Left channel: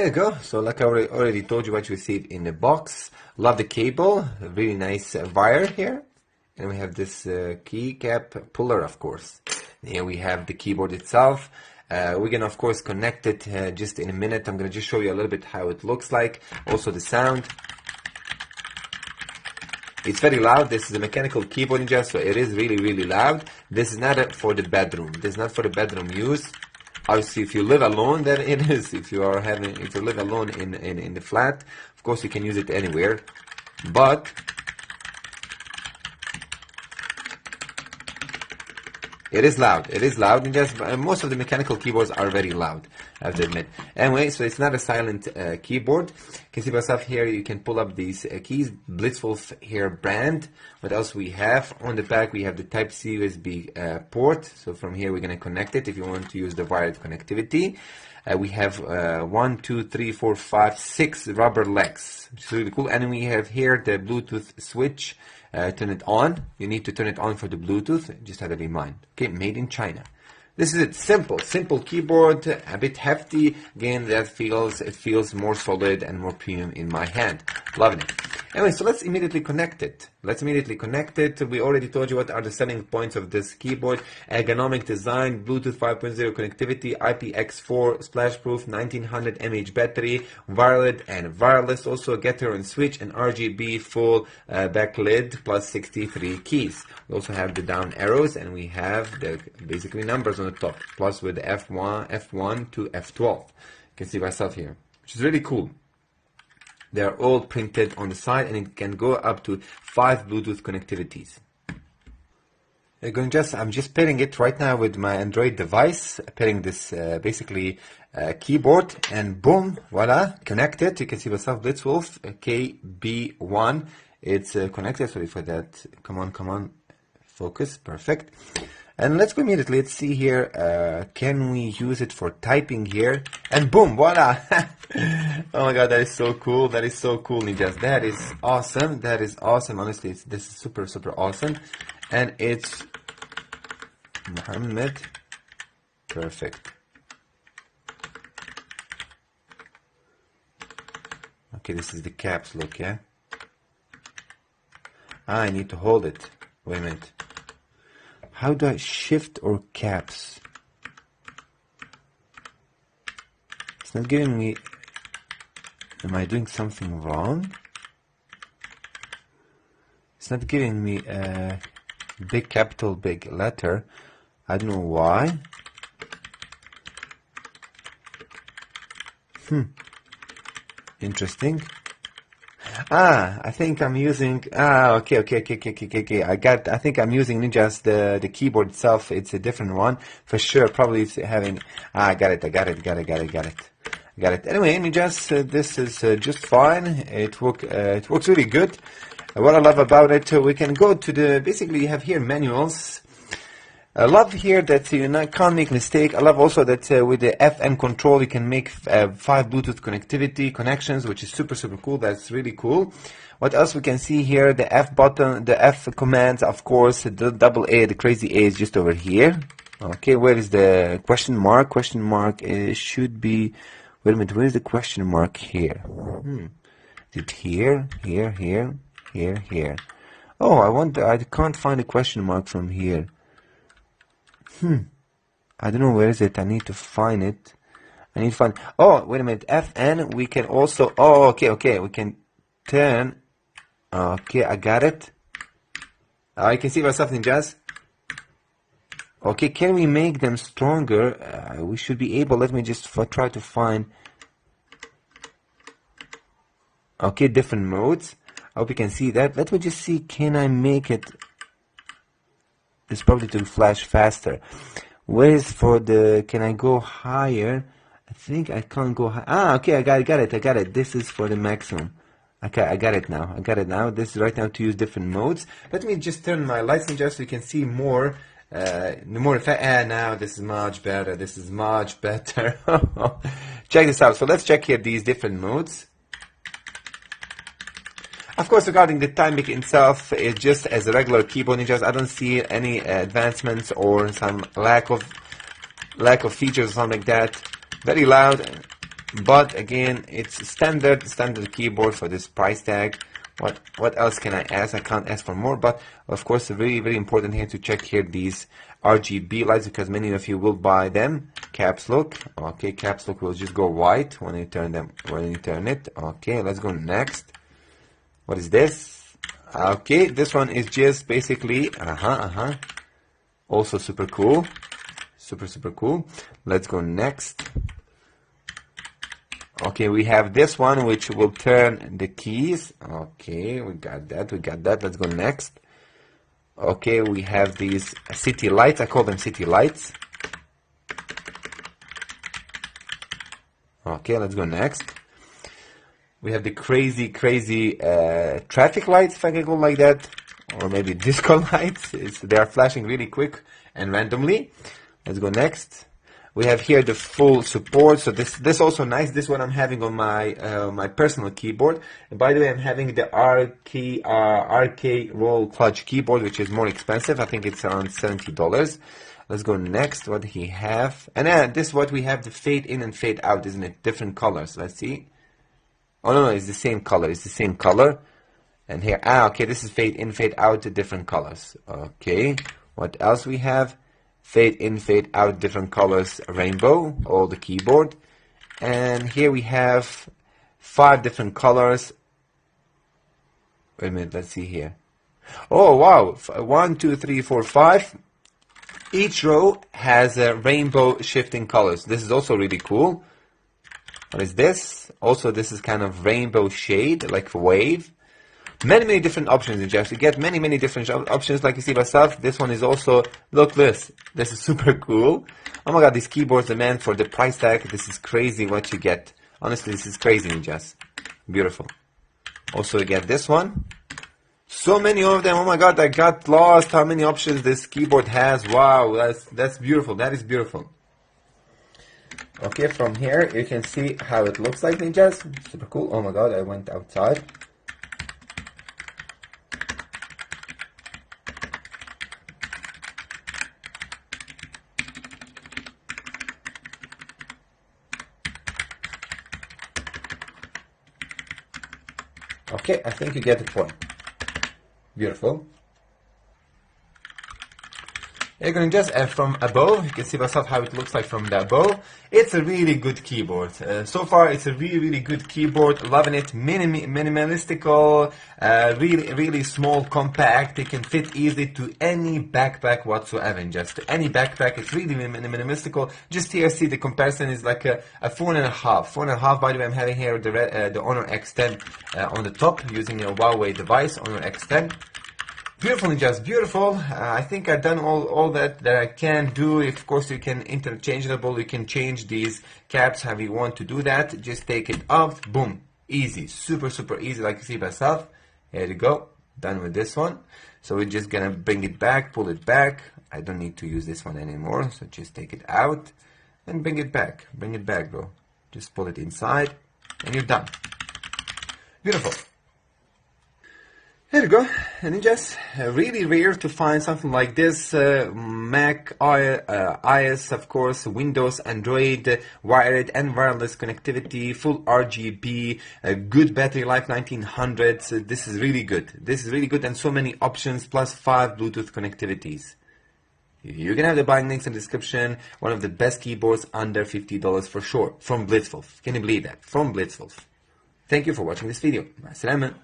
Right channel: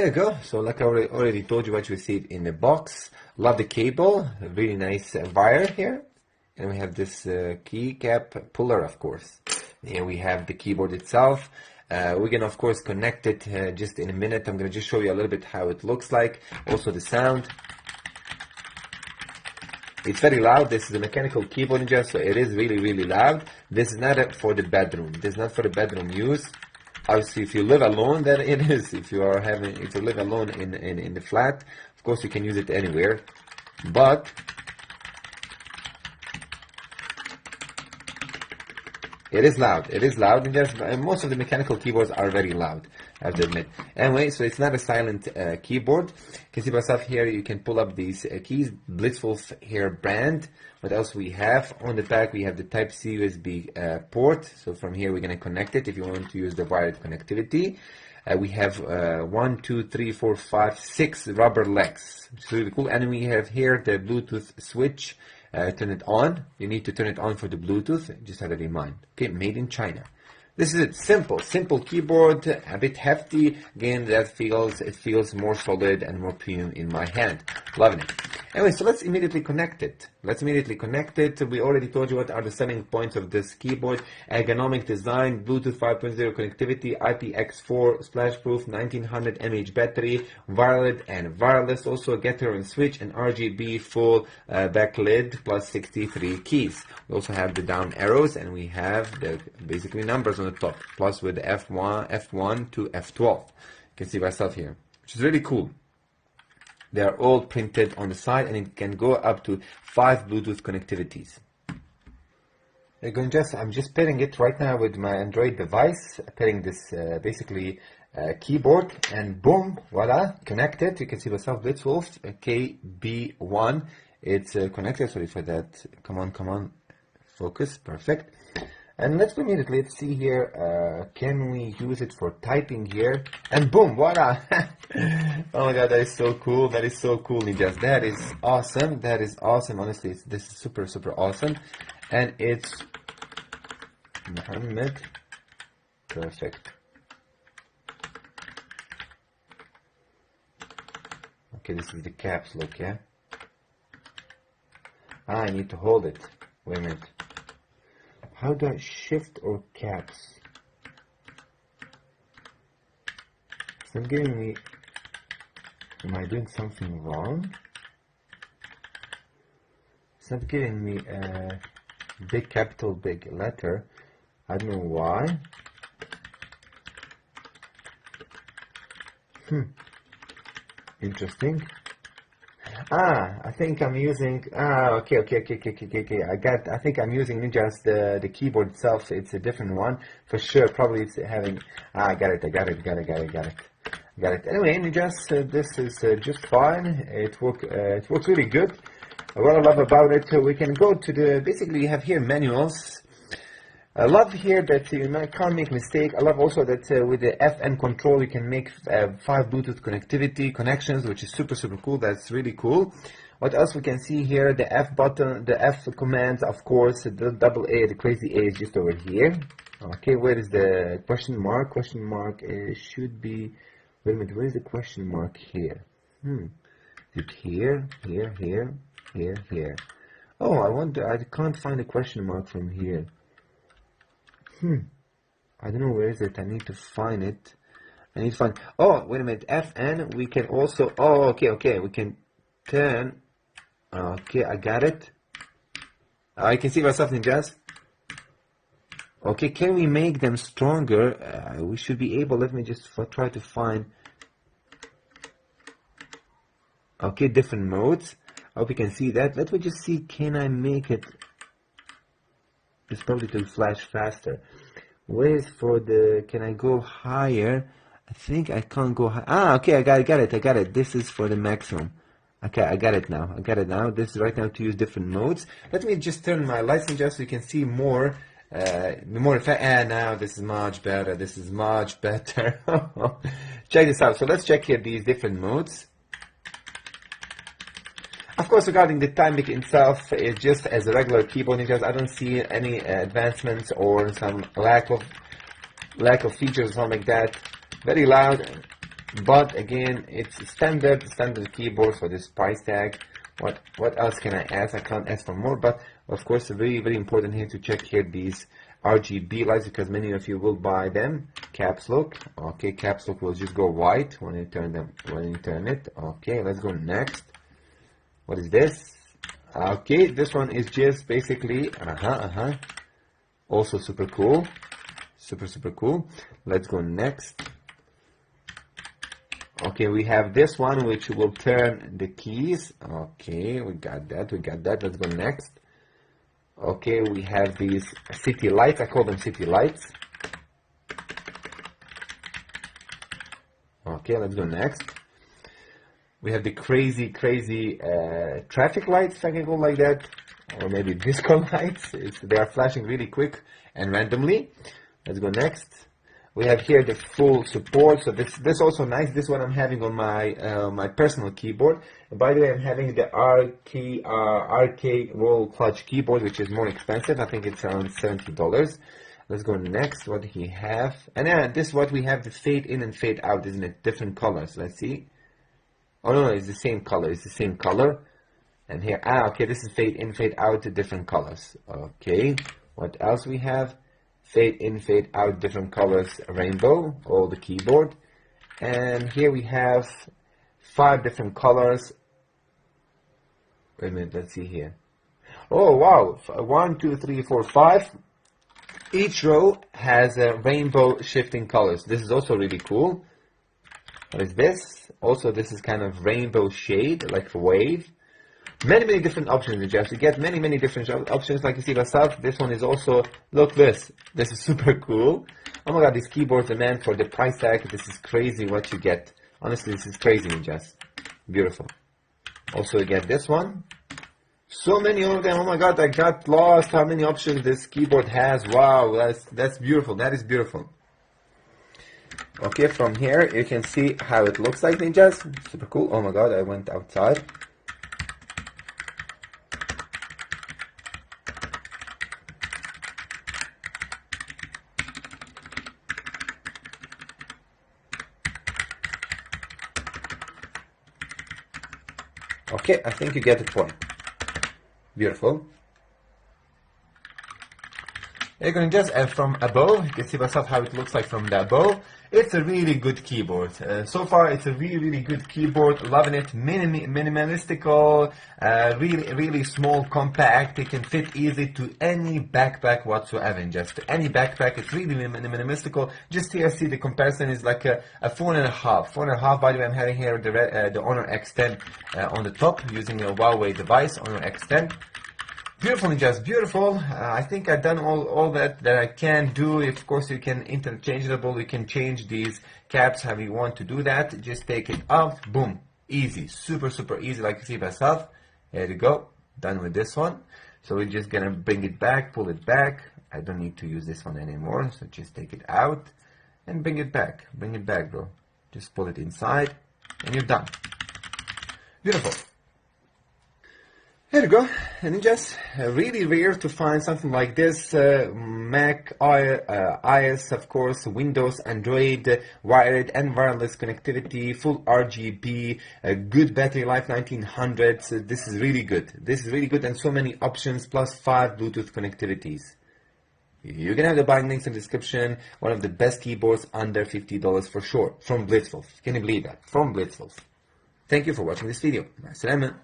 Here you go. So like I already told you what you receive in the box. Love the cable, a really nice wire here. And we have this keycap puller, of course. Here we have the keyboard itself. We're gonna of course connect it just in a minute. I'm gonna just show you a little bit how it looks like. Also the sound. It's very loud. This is a mechanical keyboard ninja, so it is really loud. This is not for the bedroom. This is not for the bedroom use. Obviously, if you live alone, then it is. If you live alone in the flat, of course you can use it anywhere. But it is loud. It is loud, and just most of the mechanical keyboards are very loud, I have to admit. Anyway, so it's not a silent keyboard. You can see myself here. You can pull up these keys. Blitzwolf here brand. What else we have on the back? We have the Type-C USB port. So from here we're going to connect it if you want to use the wired connectivity. We have 1, 2, 3, 4, 5, 6 rubber legs. It's really cool. And we have here the Bluetooth switch. Turn it on. You need to turn it on for the Bluetooth. Just have that in mind. Okay, made in China. This is it. Simple keyboard, a bit hefty. Again, it feels more solid and more premium in my hand. Loving it. Anyway, so let's immediately connect it. We already told you what are the selling points of this keyboard. Ergonomic design, Bluetooth 5.0 connectivity, IPX4 splash-proof, 1900 mAh battery, wired and wireless, also getter and switch, and RGB full backlit, plus 63 keys. We also have the down arrows, and we have the basically numbers on the top, plus with the F1 to F12. You can see myself here, which is really cool. They're all printed on the side, and it can go up to 5 Bluetooth connectivities. I'm just pairing it right now with my Android device, pairing this keyboard, and boom, voila, connected. You can see myself, Blitzwolf KB1. It's connected. Sorry for that. Come on, focus, perfect. And let's go immediately. Let's see here. Can we use it for typing here? And boom, voila! Oh my god, that is so cool. That is so cool, ninjas. That is awesome. That is awesome. Honestly, this is super awesome. And it's Muhammad. Perfect. Okay, this is the caps lock, yeah? I need to hold it. Wait a minute. How do I shift or caps? It's not giving me. Am I doing something wrong? It's not giving me a big capital, big letter. I don't know why. Interesting. I think I'm using. Okay. I think I'm using just the keyboard itself. It's a different one for sure. Probably it's having. I got it. Anyway, ninjas, this is just fine. It works really good. What I love about it, we can go to the. Basically, you have here manuals. I love here that you can't make mistake. I love also that with the FM control you can make 5 Bluetooth connectivity connections, which is super cool. That's really cool. What else we can see here? The F button, the F commands, of course. The double A, the crazy A is just over here. Okay, where is the question mark? Question mark should be. Wait a minute. Where is the question mark here? Is it here? Here? Oh, I can't find a question mark from here. I don't know where is it. I need to find it. Oh, wait a minute. FN. We can also. Oh, okay. We can turn. Okay, I got it. I can see myself in jazz. Okay, can we make them stronger? We should be able. Let me just try to find. Okay, different modes. I hope you can see that. Let me just see. Can I make it? It's probably to flash faster. Where is for the? Can I go higher? I think I can't go high. Okay, I got it. This is for the maximum. Okay, I got it now. This is right now to use different modes. Let me just turn my lights on just so you can see more. Now this is much better. Check this out. So let's check here these different modes. Of course, regarding the timing itself, it's just as a regular keyboard ninjas. I don't see any advancements or some lack of features or something like that. Very loud. but again, it's standard keyboard for this price tag. What else can I ask? I can't ask for more, but of course, very important here to check here these RGB lights, because many of you will buy them. Caps lock. Okay, caps lock will just go white when you turn it. Okay, let's go next. What is this? Okay, this one is just basically also super cool. Super cool. Let's go next. Okay, we have this one which will turn the keys. Okay, we got that. Let's go next. Okay, we have these city lights. I call them city lights. Okay, let's go next. We have the crazy traffic lights, if I can call like that, or maybe disco lights. They are flashing really quick and randomly. Let's go next. We have here the full support. So this also nice. This one I'm having on my personal keyboard. And by the way, I'm having the RK roll clutch keyboard, which is more expensive. I think it's around $70. Let's go next. What do he have? And this is what we have, the fade in and fade out, isn't it? Different colors. Let's see. Oh no, it's the same color. It's the same color. And here, okay, this is fade in, fade out, different colors. Okay, what else we have? Fade in, fade out, different colors, rainbow, all the keyboard. And here we have 5 different colors. Wait a minute, let's see here. Oh wow, 1, 2, 3, 4, 5. Each row has a rainbow shifting colors. This is also really cool. What is this? Also, this is kind of rainbow shade, like a wave. Many different options in Just. You get many different options, like you see myself. This one is also, look this is super cool. Oh my god, these keyboards are meant for the price tag. This is crazy what you get. Honestly, this is crazy in Just. Beautiful. Also, you get this one. So many of them. Oh my god, I got lost how many options this keyboard has. Wow, that's beautiful. That is beautiful. Okay, from here you can see how it looks like, ninjas. Super cool. Oh my god, I went outside. Okay, I think you get the point. Beautiful. You're going to just from above, you can see myself how it looks like from the above. It's a really good keyboard. So far, it's a really good keyboard. Loving it. Minimalistical, really small, compact. It can fit easily to any backpack whatsoever. Just to any backpack, it's really minimalistical. Just here, see the comparison is like a 4.5. 4.5. By the way, I'm having here the Honor X10 on the top using a Huawei device, Honor X10. Beautiful, just beautiful. I think I've done all that I can do. Of course, you can interchangeable. You can change these caps how you want to do that. Just take it off. Boom. Easy. Super easy, like you see myself. Here we go. Done with this one. So we're just going to bring it back, pull it back. I don't need to use this one anymore. So just take it out and bring it back. Bring it back, bro. Just pull it inside and you're done. Beautiful. There you go, and it's just really rare to find something like this. Mac, iOS, of course, Windows, Android, wired and wireless connectivity, full RGB, good battery life, 1900. So this is really good. This is really good, and so many options, plus 5 Bluetooth connectivities. You're gonna have the buying links in the description. One of the best keyboards under $50 for sure, from Blitzwolf. Can you believe that? From Blitzwolf. Thank you for watching this video. Assalamu alaikum.